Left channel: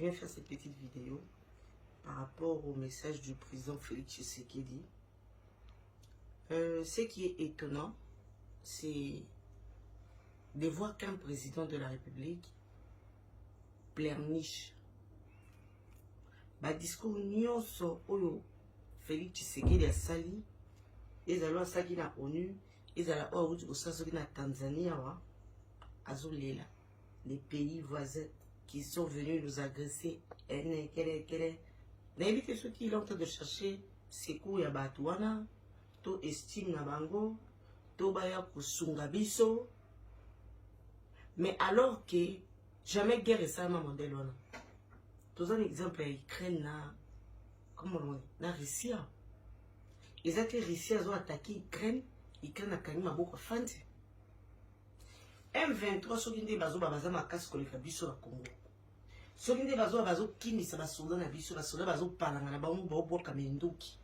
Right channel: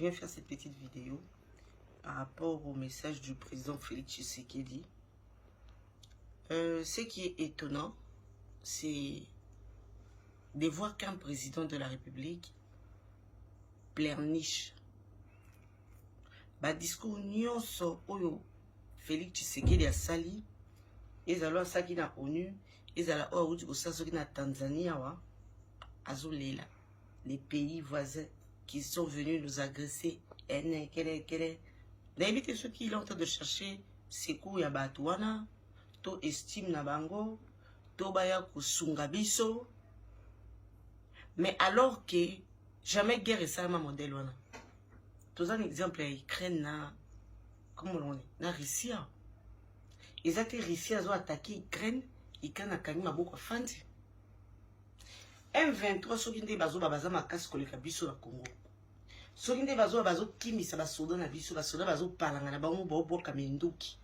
viens faire cette petite vidéo par rapport au message du président Félix Tshisekedi. Ce qui est étonnant, c'est de voir qu'un président de la République pleurniche. Ba discours nyonso oyo Félix Tshisekedi a sali, ezalo asaki na ONU, ezala oyo uti kosasoki na Tanzanie wa azolela. Les pays voisins qui sont venus nous agresser, n'invite ceux qui sont en train de chercher secours ya batouana, to estime na bango, to baya kusunga biso. Mais alors que jamais guerre est ça ma modèle wana. Tous un exemple à Ukraine na, comment on dit, na Russie. Ils étaient Russie à attaquer Ukraine, Ukraine a gagné ma beaucoup fandi. M23 soki nde bazo babaza makasi koleka biso na Congo. Soki nde bazo kimisa basoda na biso, basoda bazo palanga na bango ba oboka minduki.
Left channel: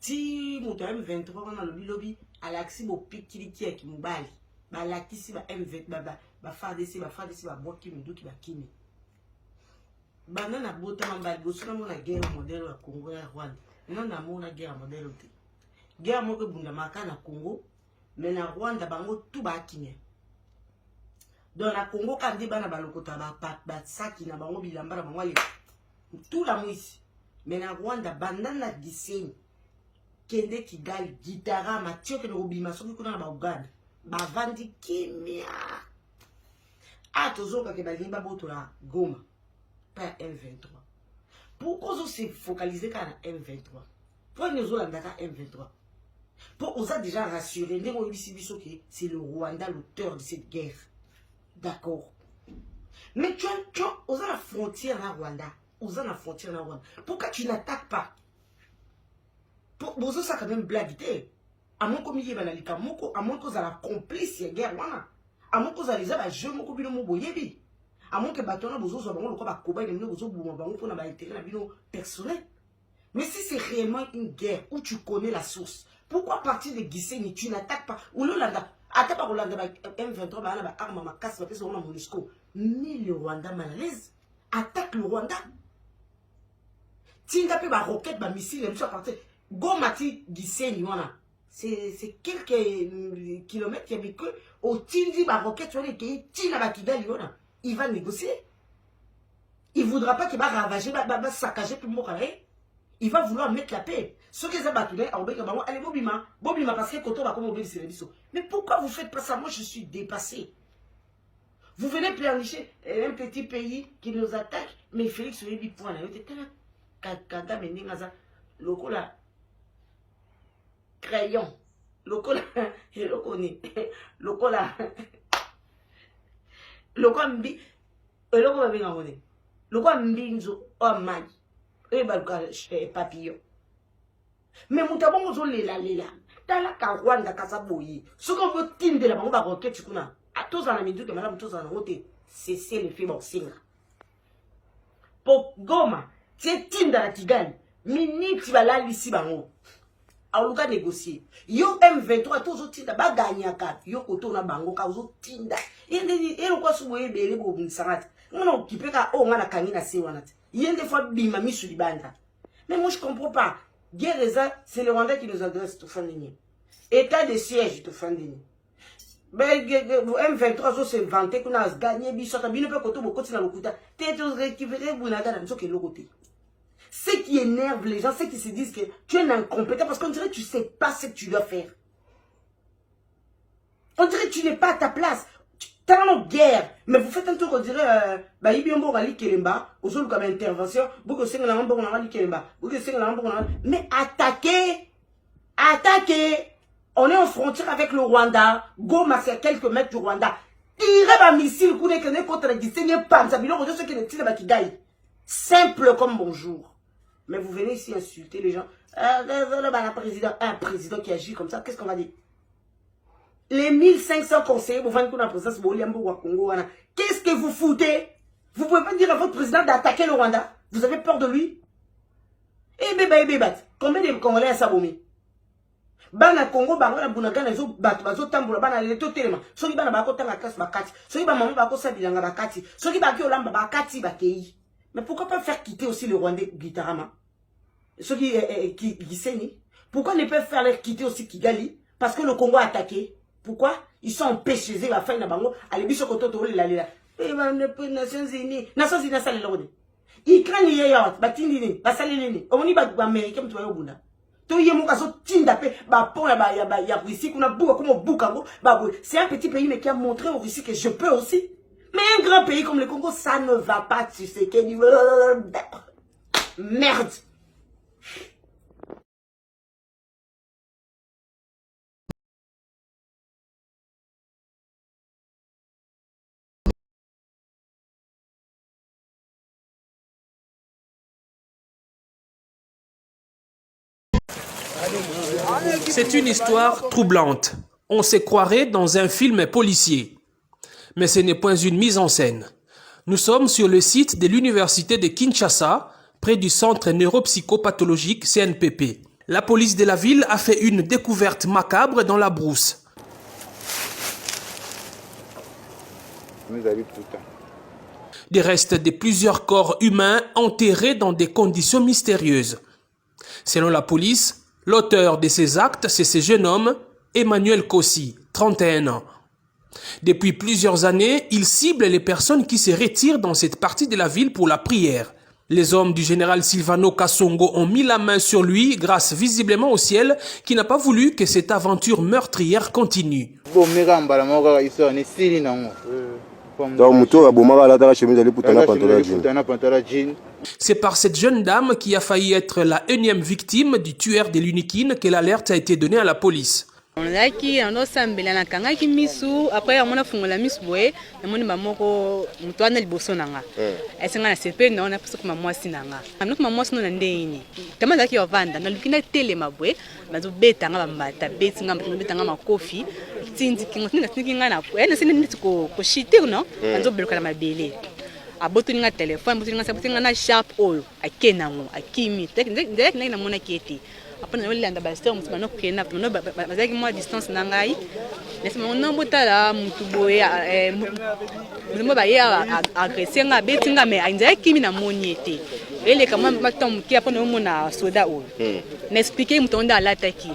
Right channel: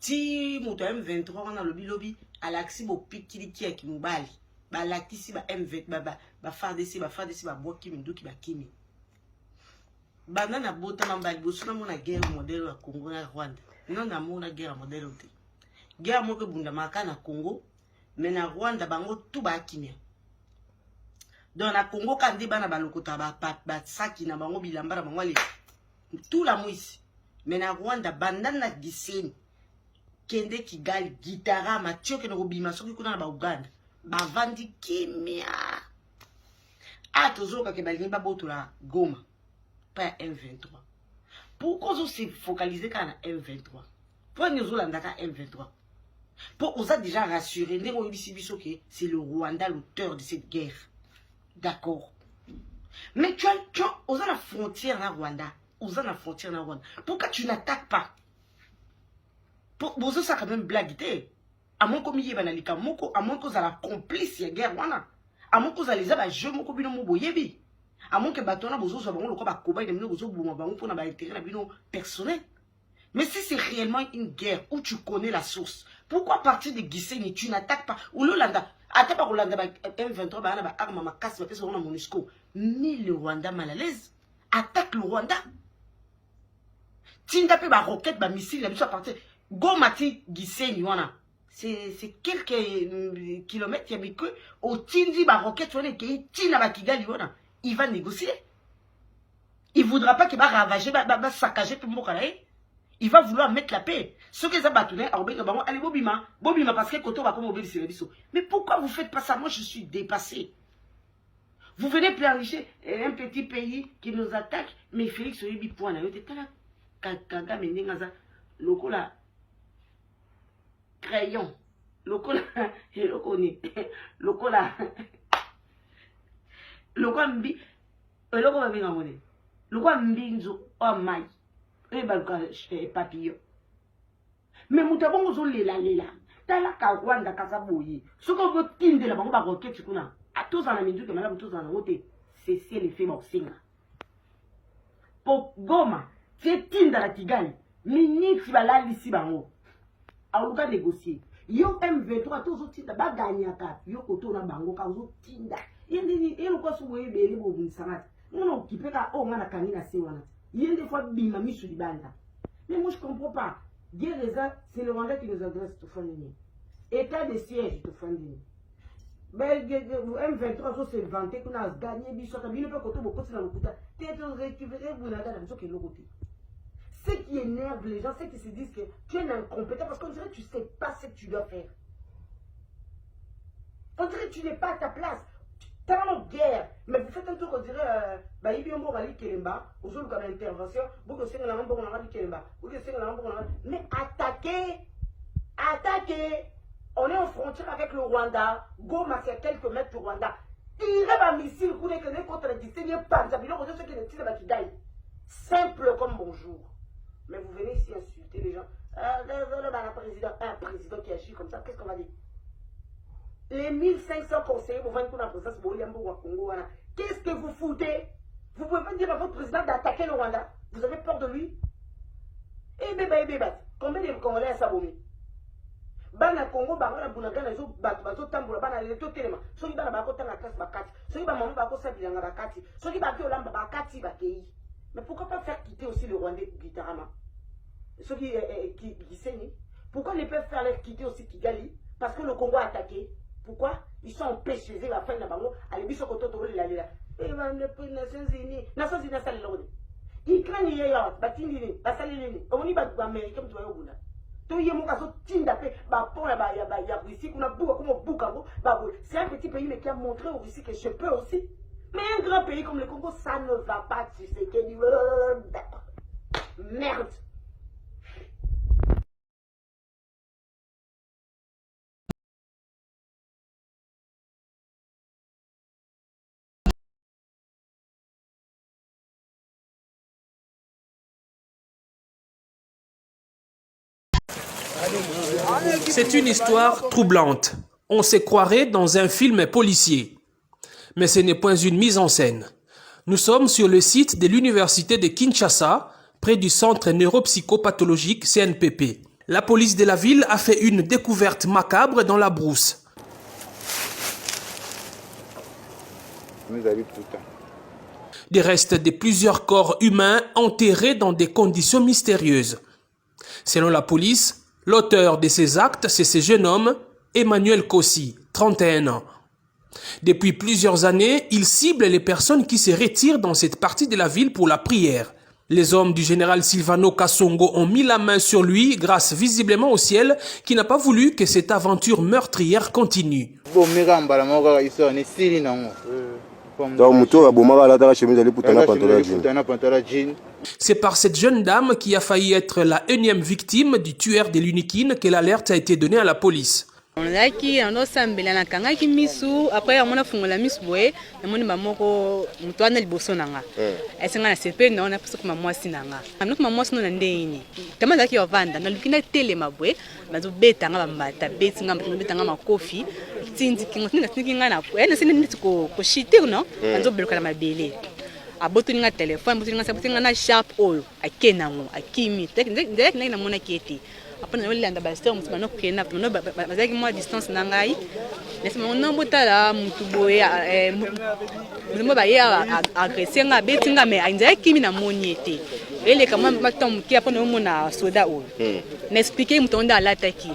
Ti moto M23 wana lobi alaksi bo pikili ki ki mobali. Ba lakisi ba M20 ba FARDC ba boki minduki ba kimi. Bana na bota mambali boso na mona guerre modèle ya Congo na Rwanda. Non na mona guerre modèle te. Guerre moko bunda maka na Congo, mais na Rwanda bango tout ba kimia. Dans la Congo, quand des bana balokota ba saki na bango bilamba na bango ale tout la moisi. Mais na Rwanda bandana giseni kende Kigali gitara matio ke no bima soki kuna na ba Uganda ba vandi kimia. Atozoka ke bali ba botola Goma pas M23. Pourquoi on se focaliser quand na M23? Pourquoi nous Olanda ka M23? Pour on a déjà rassuré ndemo yibisi biso ke c'est le Rwanda l'auteur de cette guerre. D'accord. Mais tu as la frontière na Rwanda. La frontière na Rwanda. Pourquoi tu n'attaques pas? Pour ça quand même blague. À mon commis banalika moko, à mon cause à la complice ya guerre wana. À mon cause à les aba je moko bino mo boyebi. À mon que batona bozo so bango lokoba koba de bino bozo bouma bango pour na ba intérêt na bino personnel. Mais si c'est réellement une guerre où tu connais la source, pourquoi partir de Gisenyi tu n'attaques pas? Ou l'Olanda attaque par Olanda M23 ba na arme ma casse ba pesa na MONUSCO. Mais le Rwanda mal à l'aise attaque le Rwanda. Tinda pe ba roquette ba missile la biso à partir Goma ti Gisenyi wana. C'est quelques kilomètres y a que au Tindi ba roquette wana ke tina ba Kigali wana. Il va négocier. Il voudra pas qu'il va ravager ba saccager tout mboka là. Il va vouloir mettre la paix. Ce que ça va tourner, allez, Bobima, parce que Koto va comme obéir sur les bisous. Mais pourquoi vous faites pas ça? Moi, je suis dépassé. Vous venez planifier un petit pays qui nous attaque, mais Félix Oyebi point. Kaga Mendengaza, lokola crayon, lokola lokola mbi, lokola bingangone, lokola mbinzo o mai. Et papillon. Mais moutabongo zo lela. Tala ka Rwanda kasaboyi. Ce qu'on veut tinde la bango ba roquette kuna. A tous en amidu que madame tous en route. Cessez le fait boxing. Pour Goma, c'est tinde la Kigali. Minute va la lisi bango. A luka négocier. Yo M23 tous tinde ba gagnaka. Yo koto na bango ka zo tinde. Et le quoi souboye bele bo bunsarat. Non qui peut ka o ngana kanina se wanat. Il y a des fois bimami sur les bandes. Mais moi je comprends pas. Guerre c'est le Rwanda qui nous adresse tout fin de nuit. État de siège tout fin de nuit. M23 c'est vanté qu'on a gagné bisota bino pe koto bokoti na lokuta. T'es récupéré bunaka dans ce côté. Ce qui énerve les gens, c'est qu'ils se disent que tu es incompétent parce qu'on dirait que tu sais pas ce que tu dois faire. On dirait que tu n'es pas à ta place. T'as une guerre, mais vous faites un truc, on dirait, bah, il y a un bon rallye Kelemba, au sol comme intervention, beaucoup de signes bon rallye Kelemba, beaucoup de signes bon rallye. Mais attaquez, on est en frontière avec le Rwanda, Goma c'est à quelques mètres du Rwanda. Tirez ma missile, vous n'êtes contre la Gisenyi, pam, ça vient de ceux qui ne tirent pas qui gagnent. Simple comme bonjour. Mais vous venez ici insulter les gens. Un président qui agit comme ça, qu'est-ce qu'on va dire? Les 1500 conseillers, vous voyez qu'on a président Congo. Qu'est-ce que vous foutez? Vous pouvez pas dire à votre président d'attaquer le Rwanda? Vous avez peur de lui? Eh bébé, combien de Congolais à Sabomi? Bana Congo, bana Bunagana, bazo tamboula, bana leto telema. Soki bana bako tanga classe bakati. Soki bana maman bako sabilanga bakati. Soki baki olamba bakati bakei. Mais pourquoi pas faire quitter aussi le Rwandais Gitarama? Ceux qui saignent. Pourquoi ne pas faire leur quitter aussi Kigali? Parce que le Congo a attaqué. Pourquoi? Ils sont empêchés de la fin de Bango. Allez, bisous, quand on est là. Eh ben, Nations Unies. Nations Unies, ça l'est. Ils craignent les gens. Batindini. Basalini. On y va américain, tu vois, au Bunda. C'est un petit pays mais qui a montré aux Russes que je peux aussi. Mais un grand pays comme le Congo, ça ne va pas, tu sais. Merde. C'est une histoire troublante. On se croirait dans un film policier. Mais ce n'est point une mise en scène. Nous sommes sur le site de l'université de Kinshasa, près du centre neuropsychopathologique CNPP. La police de la ville a fait une découverte macabre dans la brousse. Des restes de plusieurs corps humains enterrés dans des conditions mystérieuses. Selon la police, l'auteur de ces actes, c'est ce jeune homme, Emmanuel Kossi, 31 ans. Depuis plusieurs années, il cible les personnes qui se retirent dans cette partie de la ville pour la prière. Les hommes du général Silvano Kasongo ont mis la main sur lui grâce visiblement au ciel qui n'a pas voulu que cette aventure meurtrière continue. C'est par cette jeune dame qui a failli être la énième victime du tueur de l'Unikine que l'alerte a été donnée à la police. On a qui on a sambela na kanga ki misu après on a fungola misu boye na moni mamoko mutwana liboso nanga esenga na sepe na ona puso kuma mwasi nanga amno kuma mwasi no na ndeni kama zaki yovanda na lukina tele mabwe bazo beta nga bambata beti nga beta nga makofi tindi kingo tinga na ene sine nditi ko shite no bazo beluka na mabele abotuni nga telefone botuni nga sabutinga na sharp oil akenango akimi ndek na mona keti après on landa basteur mutu no kena no bazaki mo distance na ngai nesi mo botala mutu boye mo ba ya agresser nga betinga me ainza kimi na moniete ele kama matom ki après no mona soda o n'expliquer mutu onda alataki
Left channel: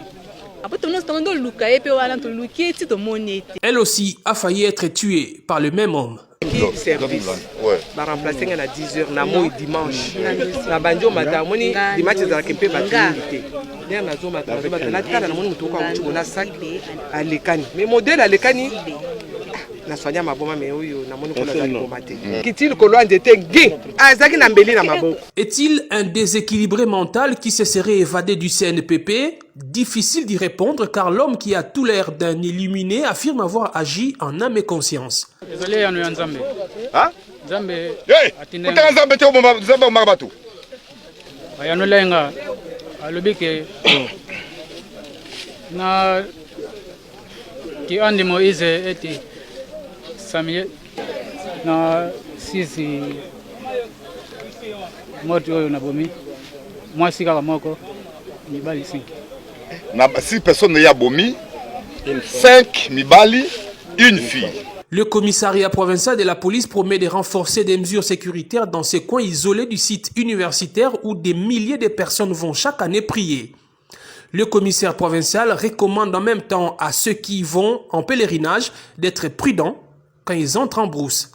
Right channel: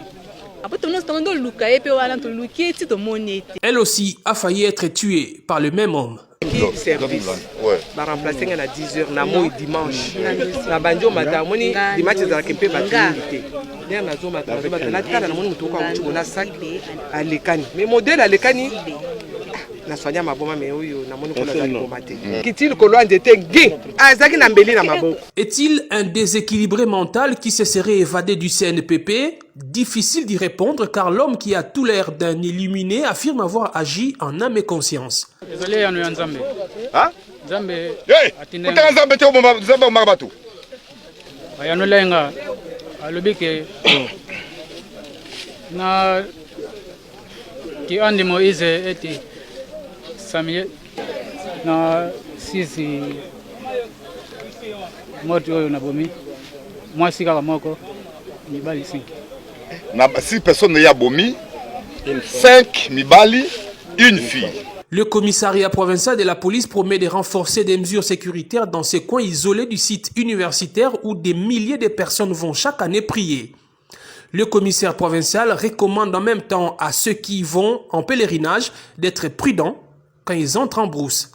après on sto luka epe wala to luki ti to moniete. Elle aussi a failli être tuée par le même homme. Service va remplacer à 10h na moi dimanche na banjo mata moni dimanche za kempe ba invité der na zo mata na tala na moni mutoka uchu na sac alekani mais modèle alekani na sonya maboma mais oyo na moni kona za komate kitili ko loin d'être gay azaki na mbeli na maboko. Est-il un déséquilibré mental qui se serait évadé du CNPP? Difficile d'y répondre car l'homme qui a tout l'air d'un illuminé affirme avoir agi en âme et conscience. Désolé, on est en Zambé. Hein? Zambé. Hey! Pourquoi Zambé tu es Zambé au Marabatou? On est là, à l'obéque. Na qui andi Moïse était Samuel na sisi moto oyo na bomi moi sika moko mibali 5 na 6 personnes ya bomi 5 mibali une fille. Le commissariat provincial de la police promet de renforcer des mesures sécuritaires dans ces coins isolés du site universitaire où des milliers de personnes vont chaque année prier. Le commissaire provincial recommande en même temps à ceux qui vont en pèlerinage d'être prudents quand ils entrent en brousse.